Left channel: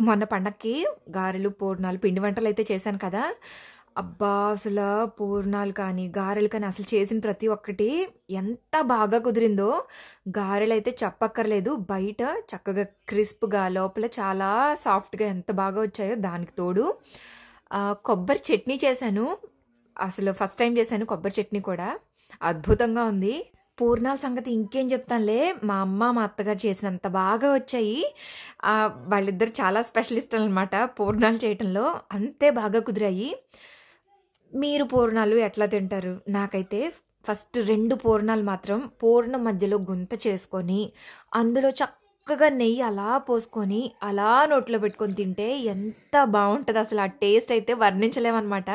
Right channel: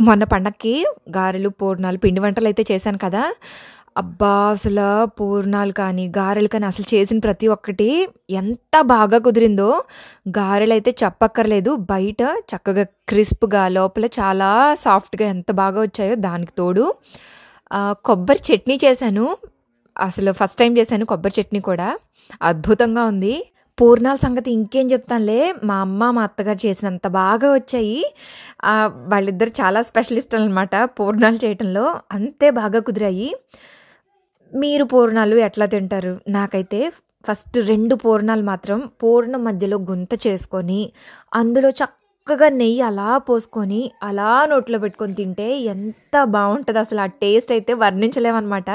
మొన్న పండక్కి గారెలు, పూర్ణాలు, పిండి వంటలైతే చేశాను కదా! అబ్బా! పూర్ణాలు కానీ, గారెలు కానీ అసలు చేసిన ప్రతి ఒక్కటి ఎంత బాగా కుదిరిందో. గారెలైతే చెప్పక్కర్లేదు. బయట చక్కగా క్రిస్ప్‌గా, లోపల చాలా సాఫ్ట్‌గా ఎంత బాగా వచ్చాయో దానికి తోడు కొబ్బరి చట్నీ చేశాను. అసలు ఫస్ట్ టైమ్ చేశాను కొబ్బరి చట్నీ కూడా. అద్భుతంగా ఉంది. పూర్ణాల సంగతి ఇంకేం చెప్తానులే. మా అమ్మ, మా అత్తగారు చేసినంత బాగా వచ్చాయి. వాళ్ళిద్దరు చాలా స్పెషలిస్టులనమాట పూర్ణాలు చేయటంలో. అంతే బాగా కుదిరాయి. మీరు పూర్ణాలు ఎట్లా తింటారు? నాకైతే ఫస్ట్ 2 పూర్ణాలు మాత్రం పూర్ణం మధ్యలో గుంత చేసుకొని, అందులో చక్కగా నెయ్యి అలా పోసుకొని, అలా నోట్లో పెట్టుకొని తింటే ఎంత బావుంటదో అసలు. ఆ టేస్ట్ అయితే వర్ణించలేమనమాట.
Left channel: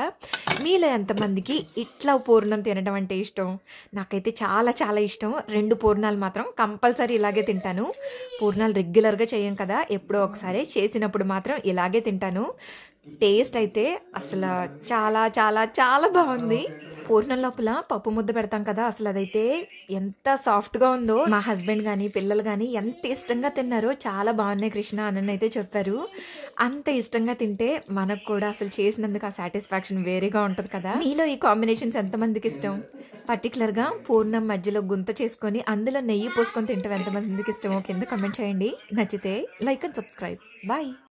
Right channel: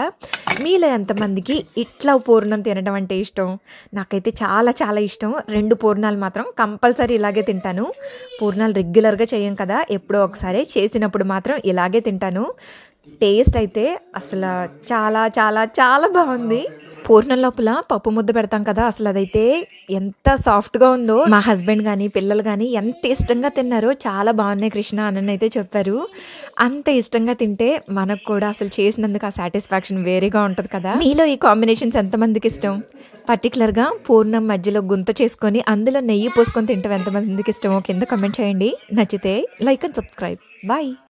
మీలో ఎంతమందికి ఇట్లా పూర్ణం తినడం అంటే ఇష్టం? నాకైతే చాలా చాలా ఇష్టం. 2 పూర్ణాలు మాత్రం కంపల్సరీ ఇలాగే తింటాను. పూర్ణాలు రెగ్యులర్‌గా చేయం కదా! ఎప్పుడో ఒకసారి చేసినప్పుడు మాత్రం ఇలాగే తింటాను. టేస్ట్ అయితే అసల చాలా చాలా చాలా బావుంది. పూర్ణం లోపల పప్పు ముద్ద పెడతాం కదా! అసలదైతే ఎంత సాఫ్ట్‌గా ఉందో. మా హస్బెండ్ గానీ, పిల్లలు గానీ ఎంత ఇష్టంగా తిన్నారో. చాలా బావున్నాయి కృష్ణ అననైతే చెప్పారు. అంత ఇష్టంగా తింటే మనకు కూడా అసలు చేసినందుకు ఆ సాటిస్ఫాక్షన్ వేరేగా ఉంటది కదా! మీలో ఈ కాంబినేషన్స్ ఎంతమందికిష్టం? పర్టిక్యులర్‌గా పూర్ణం మధ్యలో గుంత చేసుకొని, అందులో నెయ్యి పోసుకొని తింటం ఎంతమందికిష్టమో కింద కామెంట్ చేయండి. నచ్చితే లైక్ అండ్ సబ్స్క్రైబ్. బాయ్.